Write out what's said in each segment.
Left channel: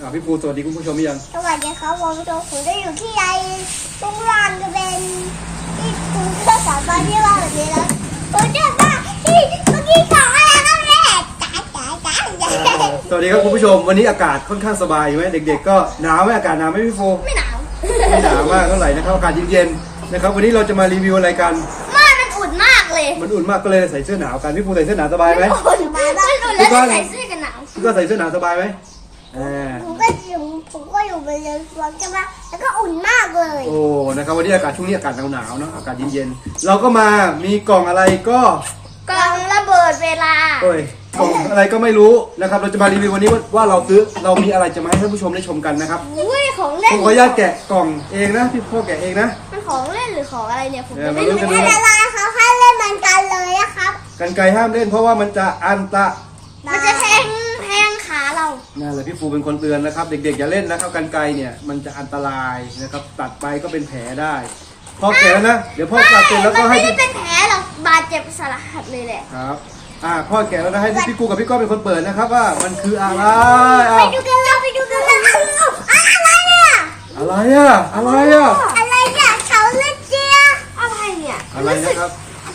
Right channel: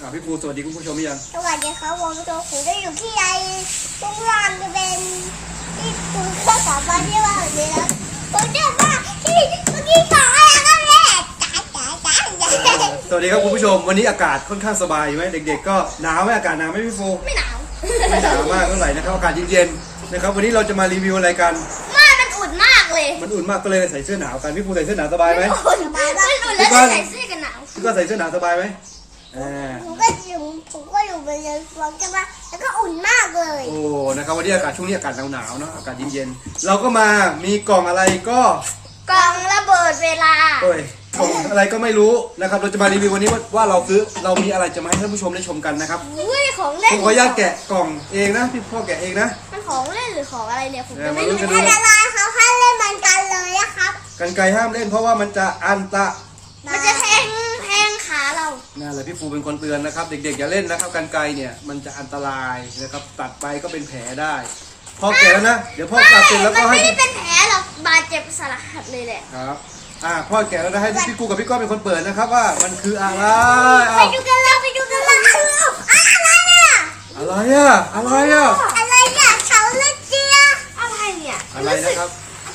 อ่าพี่ปูสวัสดีคุณผู้ชมหรือยังสวัสดีครับผมตัวผมจะอยู่ที่ใดตรงล่างจะเป็นที่คุณเครื่องสอบมาที่ว่าแบบนี้แล้วผมจะว่าที่เมื่อกี้ของอะไรกันแม่จ๋าจ๋าจ๋าจ๋าสวัสดีครับคุณผู้ชม วันนี้อากาศค่อนข้างสบายไหมเด็ก ๆ ก็หนาวไหมอากาศหนาวไหมพี่ปูไม่หนาวไม่หนาวมากเท่าไหร่นะครับอากาศเย็นๆนะครับ วันนี้เราจะมารีวิวอะไรกันไม่มันอุ่นมากเลยมันอุ่นมากก็เลยใส่เสื้อหนาวกันพี่ปูใส่เสื้อหนาวสบายไหมอุ่นมากมันอุ่นแล้วใส่เสื้อกันหนาวพี่ก็ใส่เสื้อหนาวสบายไหม อ่าผมก็อยู่ผมก็อยู่บนเรือสวนกันมาแล้วก็อุ่นมากเลยโอ้นะครับวันนี้อากาศช่วงนี้อากาศหนาวๆเนาะอากาศเย็นๆเราก็มามีกล่องอะไรก็กองระเบิดเวลาเอ้ยกล่องอะไรก็ไม่รู้นะครับเราจะมารีวิววันนี้ว่าว่าเราซื้อเรามีอะไรจะมาให้ท่านผู้ชมได้ชมกันนะครับอุ้ยของเล่ผนมขออนุญาตแกะกล่องเองนะพี่พ่อแกะเองนะ มันของเล่นหรือของอะไรเนี่ยผมเดี๋จะยวไม่มารู้รู้กันไม่อะไรเขาให้เล่นมันกันเลยนะครับกันไกรห้ามเล่นเพราะว่ามันจะอันตะ มันจะแทงแทงขาเรา นั่นแหละพี่ฟูเป็นคนเตือนนะครับ เด็กๆอย่าเล่นนะครับกันไกรเนี่ยมันจะอันตรายนะครับ ตัดไปก็เป็นแผลได้พ่อแกะแล้วนะเดี๋ยวพ่อตัดเสร็จแล้วมัก็นให้ไม่ได้พี่เป็นแผลหรอกบาดเจ็บสาหัสเลยแหละครับ อ่าพ่อแกะแล้วนะให้พี่กูกับพี่ก้องเป็นคนเปิดนะครับว่ามันคืออะไรไปอ้าวดูกันเลยไปดูกันเลยอะไรเนี่ยอะไรอะอะไรอะอะไรเนี่ยเสาเล็กเจียอะไรเนี่ยอะไรนะครับ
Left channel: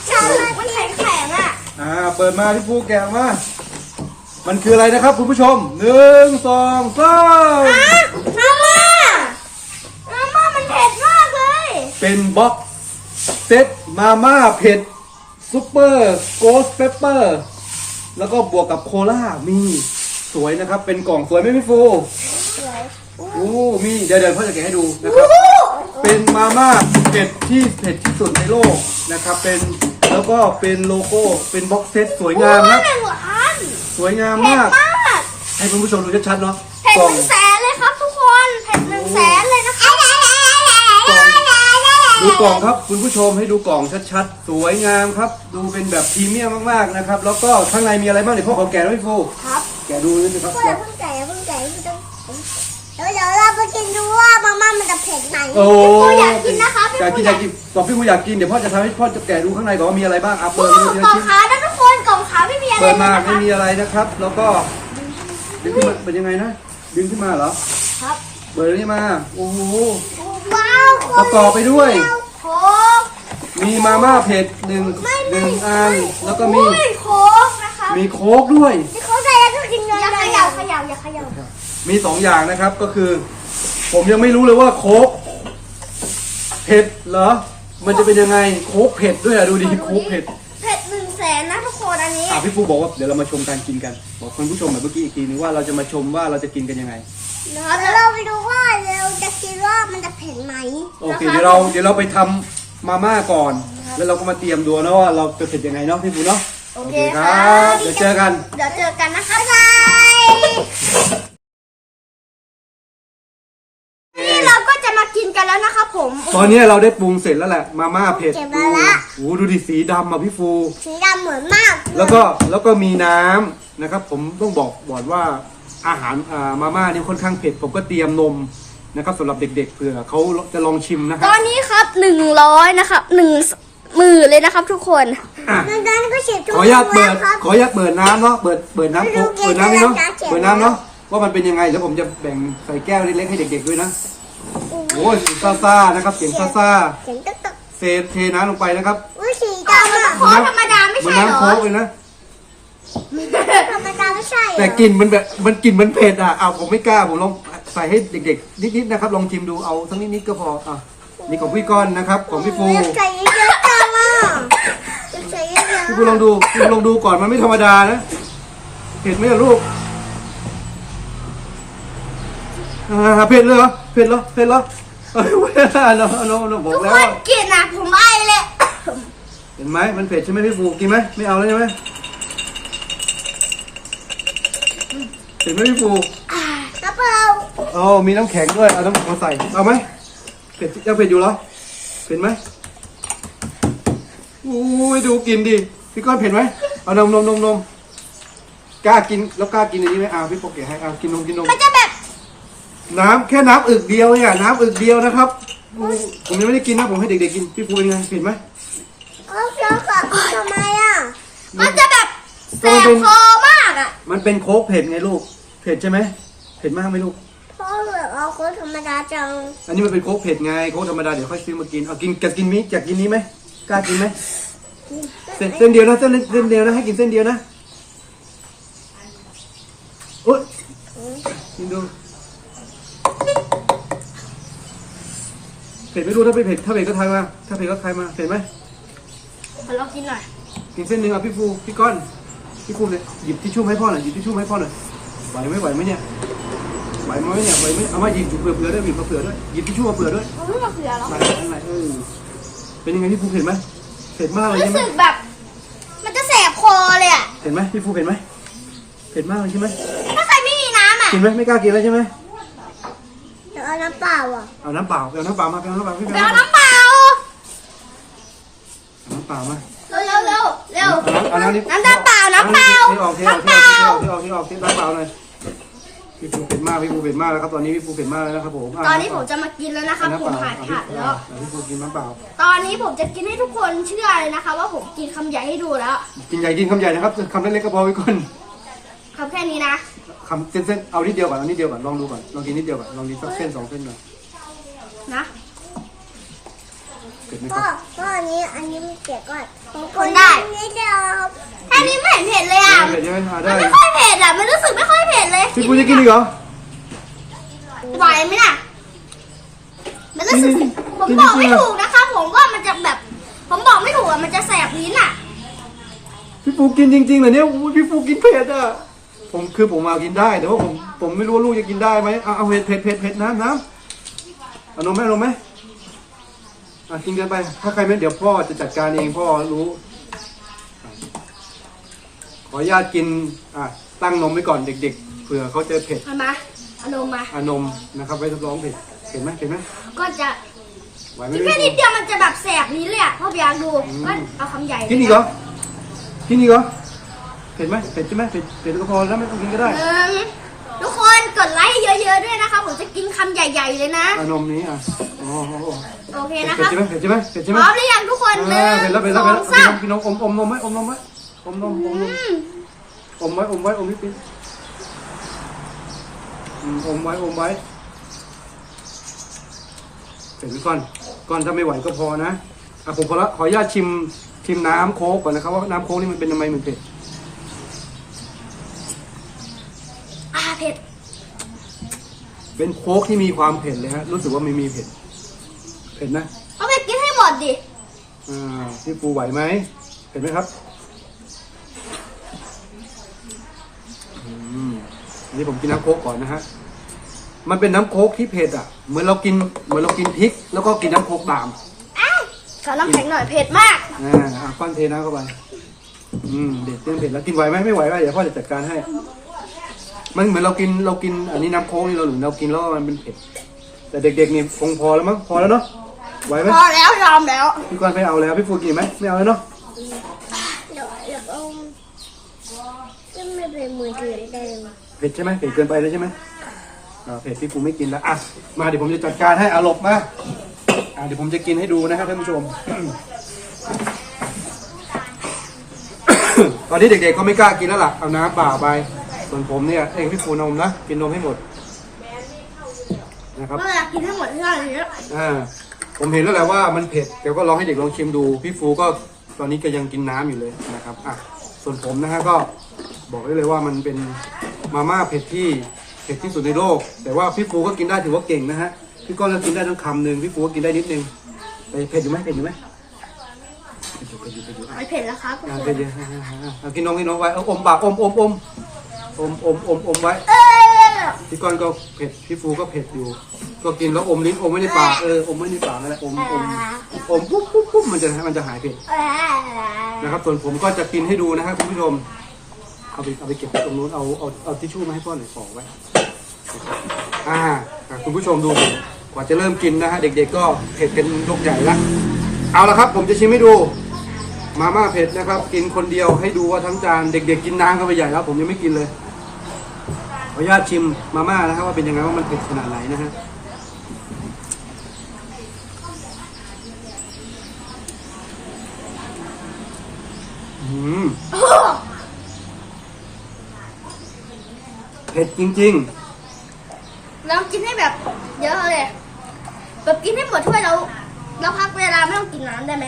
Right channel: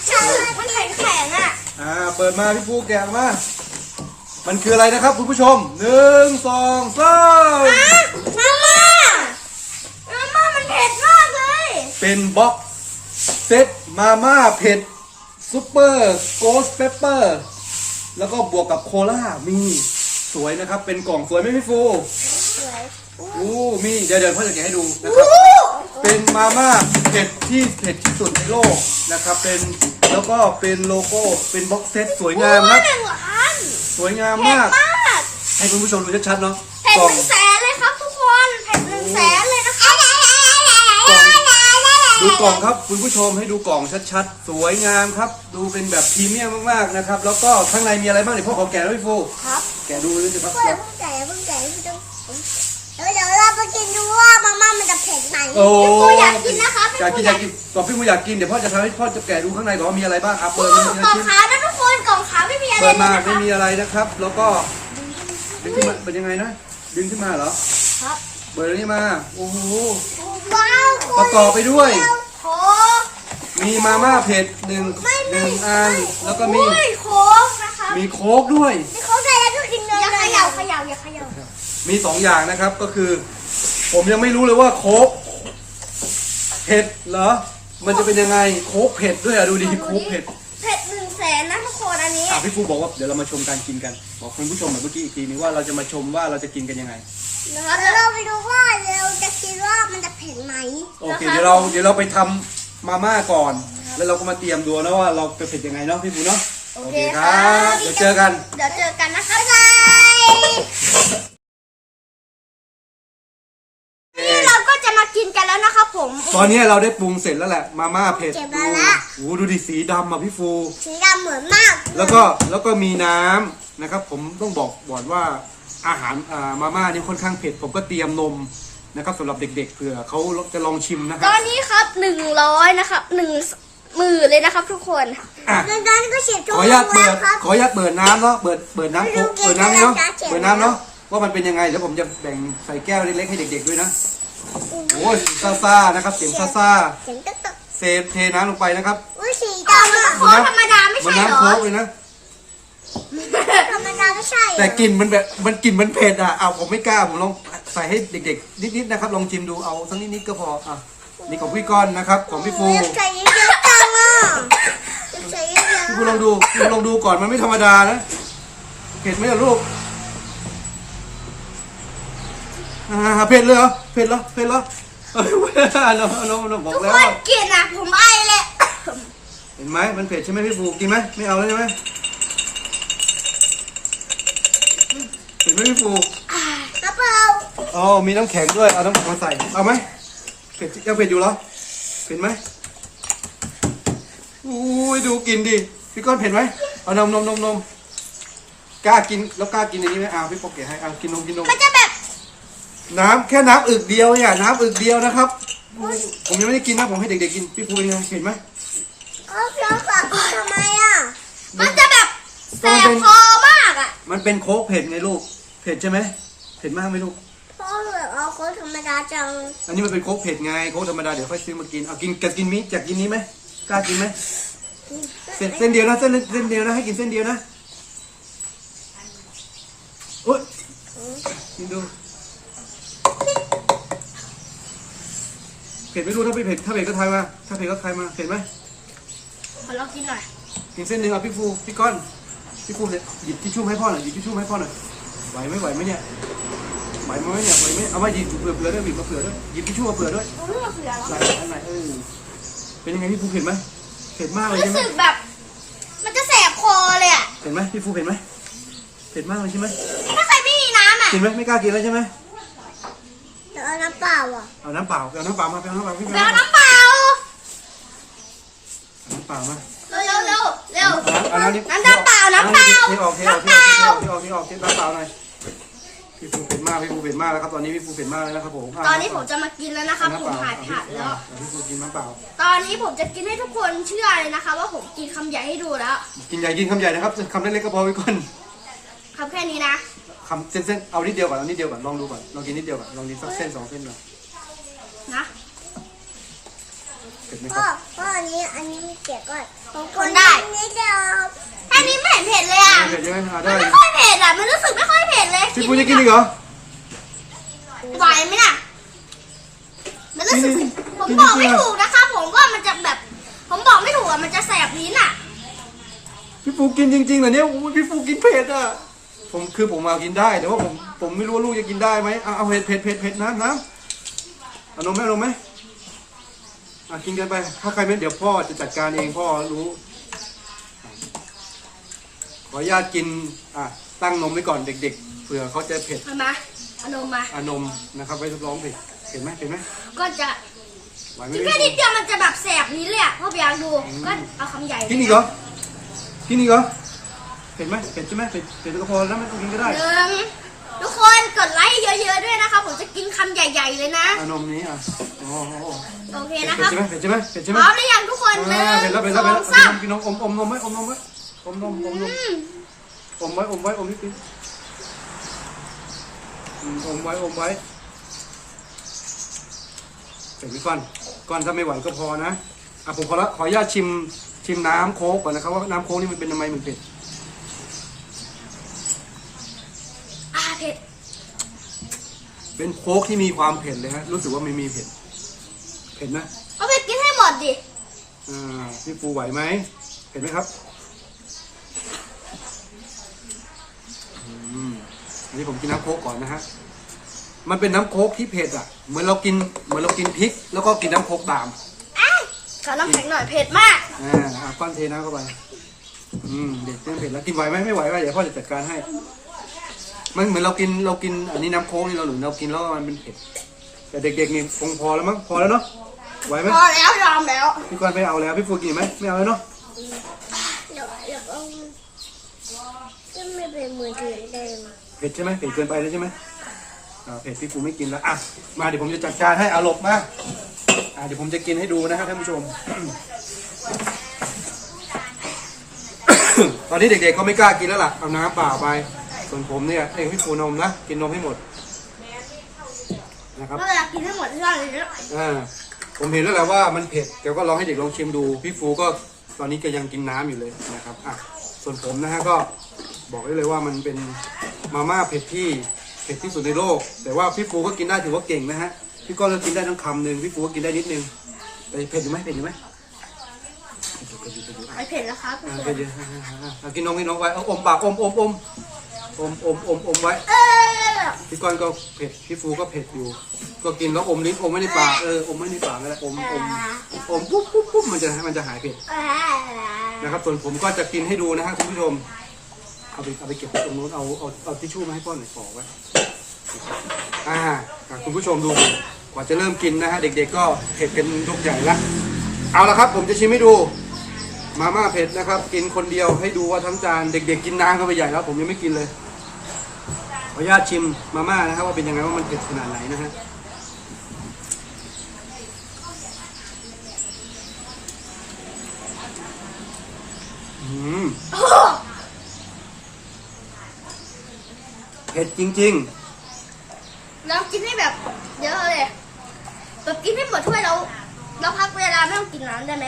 เสาเล็กมันแข็งแข็งอะอ่าเปิดมาพี่ฟูแกะมา มันคืออะไรนะครับคุณผู้ชมหนึ่งสองสามมาม่ามาม่ามันเผ็ดมากเลย เป็นบ็อกเซตมาม่าเผ็ดซูเปอร์โกสเปเปอร์แล้วก็บวกกับโคลามีสวยนะครับ เป็นกล่องสวยไหมพี่ฟูสวยโอ้มีเดี๋ยวเดี๋ยวพ่อจะแกะให้ดูนะครับเป็นมาม่าเผ็ดที่เผ็ดที่สุดในโลกนะครับ เป็นแล้วก็เป็นโลโก้เป็นบ็อกเซตสวยงามโอ้นะหนึ่งอัน สวยงามเผ็ดมาก มากให้คุณผู้ชมดูชัดๆเนาะเผ็ดกล่อหงนึ่งแสนเลยครับทุกคนเผ็ดหนึ่งแสนเลยนะครับดูกล่องครับ คุณผู้ชมให้ดูกล่องชัดๆ สวยงามครับ ดูเป็นแบบพรีเมียมมากๆนะครับ แล้วก็ข้างในมีอะไรบ้างเดี๋ยวพ่อขอแกะด้วยพี่ฟูครับแกะดูนิดนึงครับเพื่อเพิ่งแก่เพิ่งแก่เพิ่งต้องเดี๋ยวเดี๋ยวเราไปกินดูว่ามาม่ามันจะเผ็ดไหมโอ้พี่ปูอยากกินนะคะพี่อยากปูกินอยากกอายกิกินนบอกพี่ฟูอยากกินเดี๋ยวพ่อจะทำให้พ่อจะแกะดูข้างในก่อนว่ามีอะไรบ้างอะโอ้เปิดมาทีกล่ละองชิ้นขาวนะทุกคนกล่องขาวไม่มีอะไรเปิดเลยมานะไม่คะมีอะไรนะครับ แล้วก็ดึงขึ้นมาเป็นยังไงนะดึงขึ้นมาเหรอครับเปิดนี่มาโอ้โหว้าวประกอบไปด้วย โค้กมีมาม่าเผ็ดหนึ่งหนึ่งอันแล้วก็มีอุ้ยโค้กนะคะมีโค้กด้วย นี่เขาใส่แล้วก็กินเลยอย่าเขย่าเขย่าอย่าเขย่ามีสองอย่างนะครับก็คือ ผมยังไม่รู้เลยว่าโค้กเผ็ดเหรอ มันจะเป็นยังไงโค้กเผ็ดด้วยอะดูดิโค้กเผ็ดเผ็ดหนึ่งแสนนะทุกคนอันนี้อะพี่ฟูบอกว่าเดี๋ยวเรามาชมการกินกันบอกคุณผู้ชมแบบเมื่อกี้อีกทีนึงว่าเราจะมาชมว่าเราจะกินกันยังไงนะครับแล้วเราไปดูว่าเราจะคิดว่ามันจะเผ็ดไหมโอเคเดี๋ยวเราเดี๋ยวเราไปทำมาม่าก่อน แล้วเราก็มาเตรียมดูนะว่าเราจะเผ็ดยังไงเนาะพี่ฟูเนาะโอเคคครัรับบเดี๋ยวเจอกัน เดี๋ยวเจอกันนะคะบ๊ายบายนี่เราก็จะมากินกันแล้วนะครับผม ตอนนี้เราได้ปรุงเสร็จแล้วแหละ มาม่าเผ็ดเก็บมาละโอ้โหดูดิสีดำอะพี่ฟู สีดำเหมือนมากแล้วก็แล้วก็มีน้ำนะครับ ผมต้องบอกก่อนว่าอาหารอ่ามาม่านี่ค่อนข้างเผ็ด ผมก็เตรียมนมนะครับสำหรับเด็ก ๆเผื่อเขาจะลองชิมนะคตรับอนนี้ครับหนึ่งร้อยนะครับหนึ่งหมื่นเลยนะครับ ทุกคน อะดังนั้นก็เฉียบขทุกออนุญาตแล้เปิวดครับ ขออนุญาตเปิดน้ำเนาะเปิดเปิดน้ำไม่รู้เปิดน้ำนี่เนาะเกมอะไรนะเขียนเปิดน้ำแล้วเนาะว่ามันเป็นยังไงแล้วผมจะแบ่งใส่แก้วเล็กๆให้เด็ก ๆด้วยนะ โอ้ยเสียงซ่าๆนะครับเสียงซ่าเสียงตึ๊กตึ๊กๆเซฟเทน้ำลงไปนะครับอุ้ยสีดำอะโค้กธรรมดาไม่มันใช่เหรน้ำอโค้กเลยนะธรรมดาไม่ใช่เหรอแต่กลิ่นมันแบบมันกลิ่นมันเผ็ดอะเอาผมไม่กล้าผมลองใส่ให้เด็กๆนิดๆนะครับลองชิมดูเอาสักนิดๆก็พออะนี่ของพี่ก้อนนะครับของพี่ฟูอยากใส่เยอะๆจังอะอยากใส่เยอะพี่ฟูลองดูพี่ฟูลองดูก่อนมันไม่ธรรมดานะเผ็ดไหมล่ะลูก อ่าเผ็ดเลยเหรอเผ็ดเหรอเผ็ดเหรอเอ้ยน้องน้องน้องบอกทุกแล้ว คนกินอะผมไอเลย เห็นไหมมันเผ็ดใช่ไหมพี่ฟูกินไหมไม่เอาเลยใช่ไหมเห็นไหมพี่ฟูกระเป๋าอ๋อมีน้ำแข็งด้วยเอาน้ำแข็งมาใส่เอาไหมเผ็ดยังเผ็ดอยู่เหรอเผ็ดไหมอุ้ยดูกินดิพี่ก้อนเผ็ดไหมเอานมนมนมนมกล้ากินแล้วกล้ากินอันนี้ไหมอ่าพี่โปกเกะให้อ่ากินนมกินนม มันจะแบบ น้ำแค่น้ำอึกเดียวเนี่ยน้ำอึกเดียวนะครับ ผมยังไม่ได้กินนะผมให้เด็กๆกินพี่ฟูเป็นไงเผ็ดไหมเออแล้วกับทำไมอะ มันจะแบบแสก็มันบเป็นคอมากอะ มันเป็นโค้กเผ็ดไงลูก เผ็ดใช่ไหมเผ็ดมากไหมลูกค้กธรรมดาจัง อันนี้มันเป็นโค้กเผ็ดไงโค้กธรรมดาเดี๋ยวค่อยซื้อมากินเอากินจะกินมิจะกินนี้ไหมกล้ากินไหมเส้นเส้นเดียวนะเส้นเส้นเดียวนะให้กินเส้นเดียวนะโอ๊ยกินดู เผ็ดไม่รู้ถ้าไม่เผ็ดถ้าเผ็ดก็ทายมาถ้าเผ็ดก็ทายมาเผ็ดไหมขอลองกินหน่อยกินเส้นหนึ่งอะพี่ฟูพี่ก้อนพี่ฟูเนี่ยหยิบทิชชู่มาให้พ่อหน่อยหยิบทิชชู่มาให้พ่อหน่อยไหวไหมไหวไหมเนี่ยไหวไหมเนี่ยไหวไหมเอามาหยิบหยิบเปลือกเปลือกด้วยหยิบเปลือกด้วยหยิบทิชชู่มาเปลือกด้วยมันไม่มาเผื่อหรอไหลอะไรเออเป็นยังไงพี่ฟูเห็นไหมเผ็ดมากเลยรู้ใช่ไหมสึกแบบ มันจะแสบคอเลยอะเห็นไหมพี่ฟูเห็นไหมเผ็ดมากเลยใช่ไหมถ้าใครไม่มีน้ำอะกินไหมไม่กล้ากินแล้วใช่ไหม เดี๋ยวเอาน้ำเปล่าอะเอาน้ำเปล่าเอาน้ำเปล่ามาเอาน้ำเปล่าพี่ไปเอาเอาน้ำเปล่าน้ำเปล่ามาเร็วเร็วเร็วเอาน้ำนี่น้ำน้ำเปล่าน้ำเปล่าเทออกเทออกน้ำเทเปอล่าอกเทออกเทออกเทออกน้ำเปล่าหน่อยพี่ฟูเผ็ดมากพี่ฟูเผ็ดมากแล้วครับตอนนี้พี่ฟูเผ็ดมากแล้วนะครับผมตอนนี้ผมจะมากินแล้วนะครับผมหายขาดแล้วพี่ฟูกินน้ำเปล่า ตอนนี้ผมจะกินให้ทุกคนเชื่อเลยนะคะ ว่าผมกินคำใหญ่ให้ดูแล้ว กินใหญ่กินคำใหญ่นะครับคำเล็กๆก็พอไว้ก่อนคำแค่นี้นะ คำเส้นๆ เอานิดเดียวก่อน เอานิดเดียวก่อน ลองดูก่อน ลองกินนิดเดียวก่อน ลองกินสักเส้นสองเส้นก่อนนะเผ็ดไหมคพ่อรับพ่ออันนี้อันนี้ไม่เปียกก่อนของคนได้นี่เดียวแค่นี้ไม่เห็นเผ็ดเลยอะเผ็ดเยอะหามัได้นไม่ค่อยเผ็ดอะ มันรู้สึกไม่ค่อยเผ็ดเลยพี่ฟูจะกินอีกเหรอ ไหวไหมน่ะ มันรู้สึก ผมบอกไม่ถูกนะคะผมว่ามันจะแบบ ผมบอกไม่ถูกอะ มันจะแสบลิ้นอะ พี่ฟูกินจริงๆเหรอเนี่ยโอ้โหพี่ฟูกินเผ็ดอะ ผมคือผมมากินได้แต่ว่าผมผมไม่รู้ว่าลูกจะกินได้ไหมเอาเอาเผ็ดเผ็ดเผ็ดเผ็ดน้ำน้ำเอานมไหมเอานมไหมอะกินกันไป ถ้าใครไม่เดี๋ยวพ่อจะจัดการเองพ่อรู้อะขออนุญาตกินอะตั้งนมไว้ก่อนเด็ก ๆเผื่อเขาจะเผ็ดเอามาเอานมมา อานมนะครับไว้ทดลองเผ็ดเห็นไหมเห็นไหมก็จะไหวไหมกินแค่นิดเดียวมันจะแบบแสบลิ้นเลยอะพ่อไปอยากดู ก็เอาคำใหญ่กินอีกเหรอกินอีกเหรอ เผ็ดไหมเผ็ดใช่ไหมเผ็ดเผ็ดก็พอแล้วไม่ต้องกินก็ได้หนึ่งทุกคนกดไลค์เยอะๆด้วยนะคะ ผมจะกินคำใหญ่ ๆ เลยนะอานมนี้อะโอ้โหโอเคเผ็ดนะครับใช่ไหมเผ็ดใช่ไหมเผ็ดใช่พไหมร้อมหรือยังทุกคนหนึ่งอ่าเผ็ดแล้วเผ็ดสแล้วอเผ็ดงแล้วสามกินนมอมอมนมไหมอมนมไหมอมนมอมนมอืมอมไว้อมไว้อมนิดนึงอืมอมไว้อมไว้เสร็จก่อนก่อนถ้าไม่ไหวก็พอนะอะผมขอละขออนุญาตชิมชิมน้ำโค้กก่อนนะครับว่าน้ำโค้กนี่มันเป็นทำไมมันเผ็ด อ่า เผ็ด เป็นโค้กที่มีความเผ็ดเลยฮะ รู้สึกว่าไม่มีเผ็ด เผ็ดนะเอาไปกินให้หมดดิ อ่าพี่ปูไหวไหมเผ็ดไหมครับ อืมอันนี้ผมกินน้ำโค้กก่อนนะฮะ มันเป็นน้ำโค้กที่เผ็ดอะ เหมือนเรากิน เหมือนเรากินพริก แล้วก็กินน้ำโค้กตาม อ้าวขอน้ำแข็งหน่อยเผ็ดมากอ่าอะก้อนเทน้ำเข้าไป อืม เด็กเต้นเผ็ดแล้วกินไหวไหมไม่ไหวก็เดี๋ยวพ่อจะจัดการให้ มันเหมือนเรากินเรากินอันนี้น้ำโค้กนี่เราหรือเรากินแล้วมันเป็นเผ็ดแต่เด็กๆนี่คงพอแล้วมั้งพอแล้วเนาะไหวไหมพอแล้วยอมแล้วพี่ก้อนไม่เอาแล้วพี่ฟูกินไหมไม่เอาแล้วเนาะเดี๋ยวเดี๋ยวเอาจะไม่เป็นมือถือเดิมเผ็ดใช่ไหมเผ็ดเกินไปแล้วใช่ไหมอ่าเผ็ดพี่ฟูไม่กินแล้วอะมาเดี๋ยวผมจะจัดการให้อาหลบมาอ่าเดี๋ยวผมจะกินให้ดูนะครับท่านผู้ชม ตอนนี้เด็กๆก็ไม่กล้ากินแล้วล่ะเอาน้ำเปล่าไป ส่วนผมเนี่ยเองพี่ฟูนมนะกินนมให้หมดนะครับก็อยากกินให้หมดที่ร้านเลยอ่าผมเห็นแล้วแหละว่ามันเผ็ดแต่ก็ลองให้เด็กลองชิมดู พี่ฟูก็ตอนนี้ก็ยังกินน้ำอยู่เลยนะครับอะส่วนผมนะฮะก็บอกได้เลยว่ามันเป็นมาม่าเผ็ดที่เผ็ดที่สุดในโลก แต่ว่าพี่ฟูก็กินได้ถือว่าเก่งนะฮะพี่ก้อนก็กินได้ทั้งคำหนึ่งพี่ฟูก็กินได้นิดนึงแต่เผ็ดอยู่ไหมเผ็ดอยู่ไหมเผ็ดอยู่เผ็ดอยู่เผ็ดอยู่อะไม่เผ็ดแล้วครับทุกอะคเผ็ดนอยู่อะอะอะอะกินนมกินนมไว้เอาอมปากอมอมอม อมอมอมอมไว้เออพี่ก้อนก็เผ็ดพี่ฟูก็เผ็ดอยู่ ก็กินแล้วอมลิ้นอมไว้ในปากเอออมไว้ในปากนั่นแหละอมอมอมปุ๊บปุ๊บปุ๊บมันจะมันจะหายเผ็ดนะครับส่วนผมก็จะกินให้ดูนะฮะคุณผู้ชมเอาไปเอาไปเก็บไว้ตรงนู้นเอาเอาเอาทิชชู่มาให้พ่อหน่อยขอไว้อ่าอะคุณผู้ชมดูสิกว่าจะเริ่มกินนะฮะเด็ก ๆ ก็เผ็ดกันยกใหญ่ละเอาละครับ ผมจะชิมให้ดู มาม่าเผ็ดนะครับ กินคนเดียวให้ดูว่าทั้งจานเด็ก ๆ กินน้ำกันไปใหญ่แล้วผมยังไม่กินเลยขออนุญาตชิมมาม่านะครับว่าเป็นยังไงว่ามันเผ็ดขนาดไหนนะฮะอืมเผ็ดจริงลองกินให้แบบเยอะเลยแบบกินให้หมดถ้วยแล้วแล้วพักเวลาไม่ต้องกินน้ำได้ไหม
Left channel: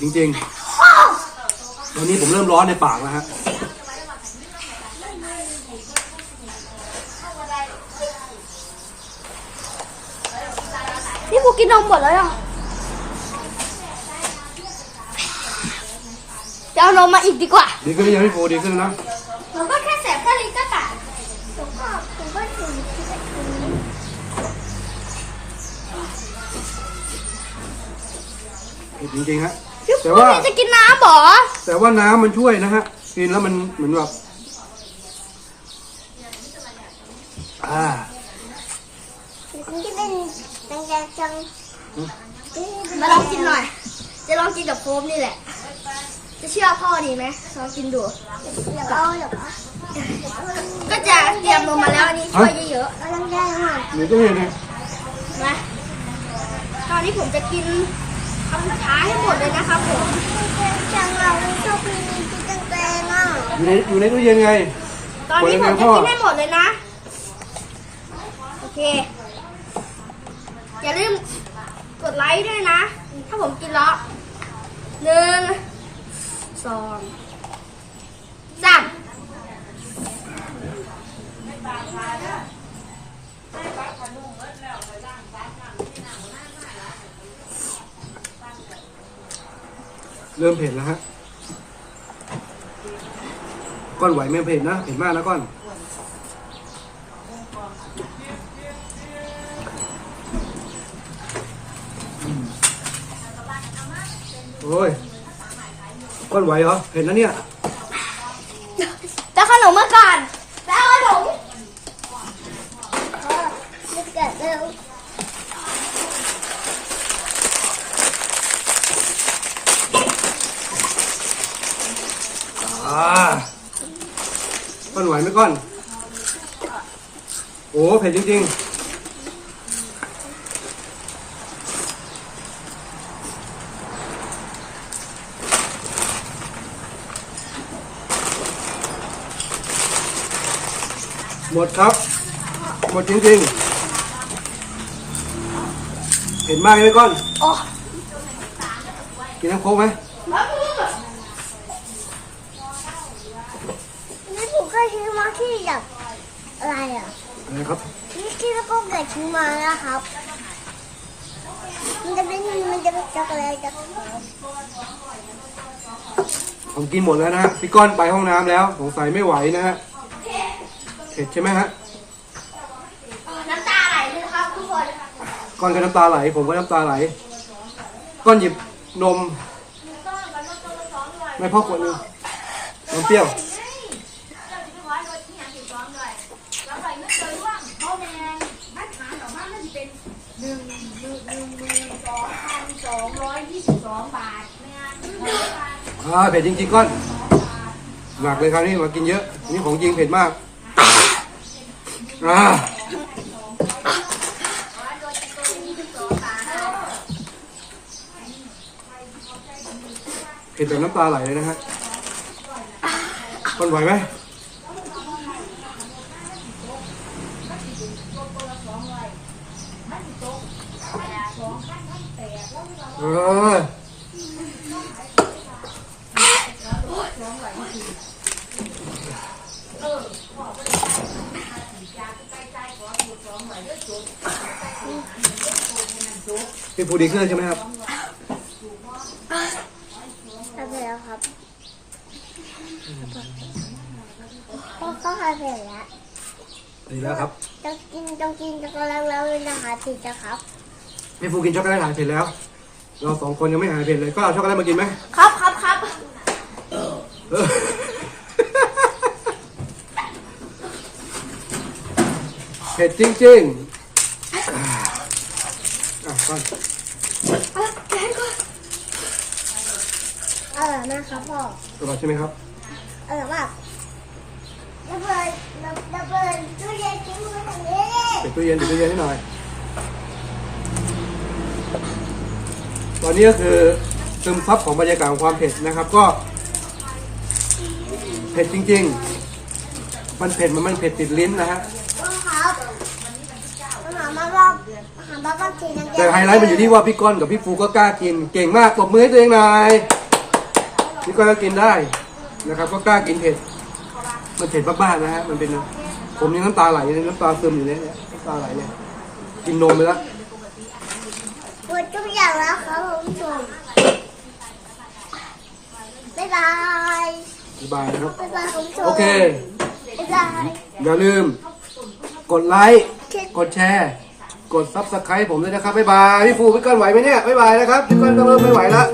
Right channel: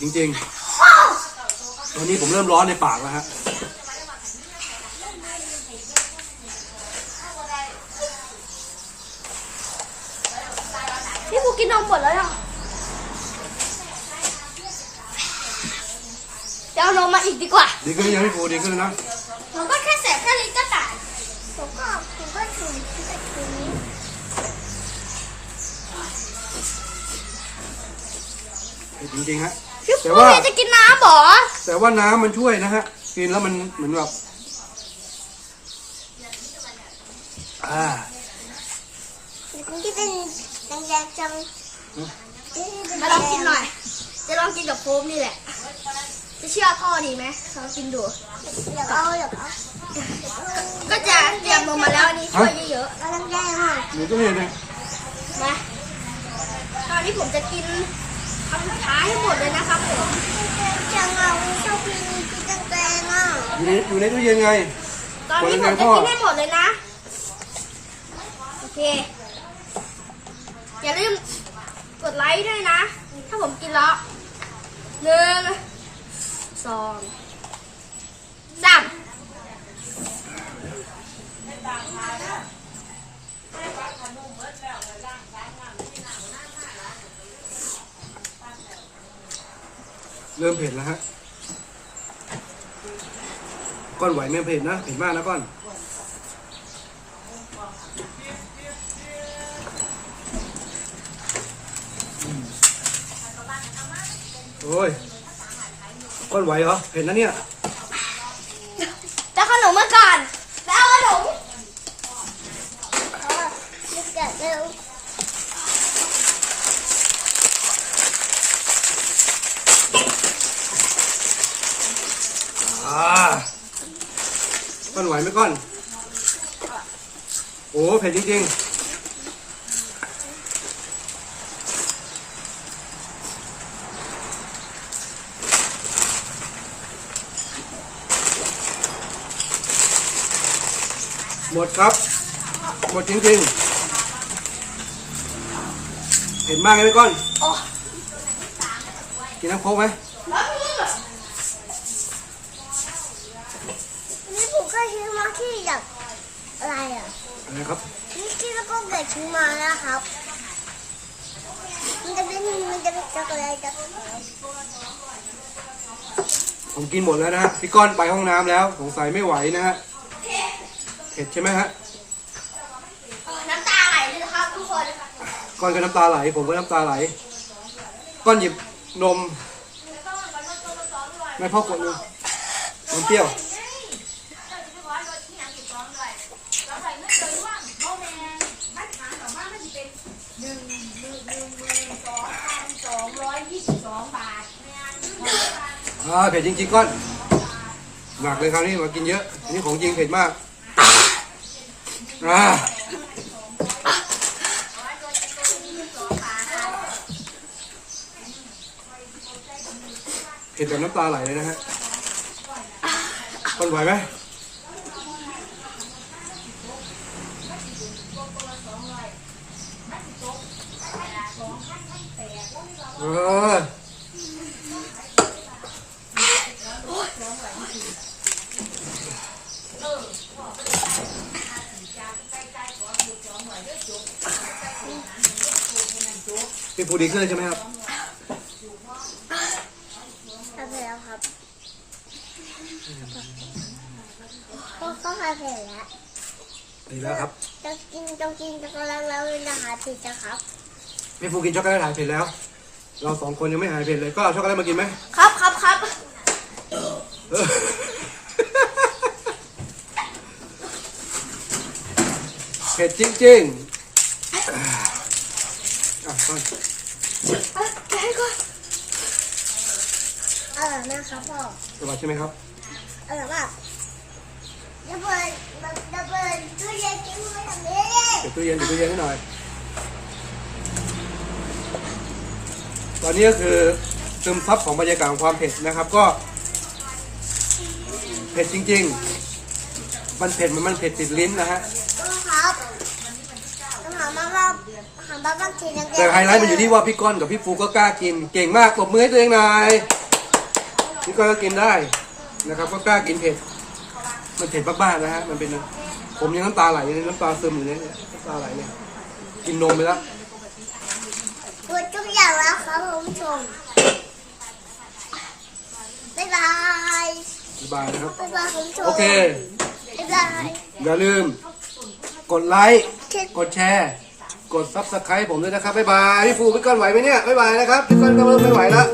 จริงๆ ตอนนี้ผมเริ่มร้อนในปากแล้วฮะพี่ฟูกินนมหมดแล้วยังจะเอานมมาอีกดีกว่า ดีขึ้นหรือยังพี่ฟูดีขึ้นแล้วนะผมก็แค่แสบแค่ลิ้นก็ปากผมก็ผมก็ถึงเผ็ดจริงๆฮะพี่ แต่ฟูว่า จะกินน้ำเหรอแต่ว่าน้ำมันช่วยนะฮะ กินแล้วมันเหมือนแบบอ่าที่เป็นแดงๆจังมาลองกินหน่อย จะลองกินกับโฟมนี่แหละ จะเชื่อพ่อดีไหมลองกินดูเดี๋ยวเอาเดี๋ยวก็จะเตรียมนมมาแล้วอันนี่ช่วยเยอะเอาแดงๆอะหนูต้องเห็นเลยๆมาตอนนี้ผมจะกิน คำท้ายให้หมดเลยนะครับผมจังเราชอบกินกินแดงๆอะอยู่ในอยู่ในตู้เย็นไง ตอนนี้ผมจะกินให้หมดเลยนะ โอเค อย่าลืมกดไลค์ด้วยนะ ถ้าผมกินแล้วหนึ่งสองสาม เริ่มเผ็ดแล้วฮะ ก้อนไหวไม่เผ็ดนะ เผ็ดมากนะก้อน โอ้ย ก้อนไหวเหรอ เผ็ดนะเนี่ย จะขนมมาก่อนแล้วขนม ลูกแกะเร็ว อ่า ก้อนไหวไหมก้อน โอ้ เผ็ดจริงๆ หมดครับ หมดจริงๆเห็นมากไหมก้อนโอ้กินน้ำโค้กไหม แล้วก็เกิดซื้อมานะครับ มันจะเป็นมันจะเป็นช็อกโกแลตกับผมกินหมดแล้วนะฮะพี่ก้อนไปห้องน้ำแล้ว สงสัยไม่ไหวนะฮะเผ็ดใช่ไหมฮะน้ำตาไหลเลยครับทุกคนก้อนก็น้ำตาไหล ผมก็น้ำตาไหล ก้อนหยิบนม ไม่พ่อขวดหนึงนมเปรี้ยว อ่าเผ็ดจริงๆก้อนหนักเลยคราวนี้มากินเยอะนนี้ของจริงเผ็ดมากอ่าเผ็ดแบบน้ำตาไหลเลยนะฮะก้อนไหวไหมเออ พี่ฟูดีขึ้นแล้วใช่ไหมครับทำแล้วครับก็ก็ทำเสร็จแล้วดีแล้วครับต้องกินต้องกินช็อกโกแลตแล้วนะคะถึงจะครับพี่ฟูกินช็อกโกแลตหายเผ็ดแล้ว เราสองคนยังไม่หายเผ็ดเลยก็เอาช็อกโกแลตมากินไหมครับครับครับ เผ็ดจริงๆอะก่อนอะแกให้ก่อนอร่อยมาครับพ่อสบายใช่ไหมครับ อร่อยมากระเบิดระเบิดตู้เย็นกินมือทำนี้เปิดตู้เย็นเปิดตู้เย็นนิดหน่อย ตอนนี้ก็คือซึมซับของบรรยากาศความเผ็ดนะครับ ก็ เผ็ดจริง ๆ มันเผ็ดมันมันเผ็ดติดลิ้นนะฮะครับหามาบ้างหามาบ้างทีนะแต่ไฮไลท์มันอยู่ที่ว่าพี่ก้อนกับพี่ฟูก็กล้ากิน เก่งมากปรบมือให้ตัวเองหน่อยพี่ก้อนก็กินได้นะครับ ก็กล้ากินเผ็ด มันเผ็ดบ้าๆนะฮะ มันเป็นผมยังน้ำตาไหลเลยน้ำตาซึมอยู่เลยเนี่ยน้ำตาไหลเลยกินนมไปแล้ว หมดทุกอย่างแล้วครับคุณผู้ชมบ๊ายบาย บ๊ายบายนะครับบ๊ายบายคุณผู้ชมโอเคบ๊ายบายอย่าลืม กดไลค์ กดแชร์ กดซับสไครต์ผมด้วยนะครับ บ๊ายบาย พี่ฟูพี่ก้อนไหวไหมเนี่ย บ๊ายบายนะครับ พี่ก้อนก็เริ่มไม่ไหวแล้ว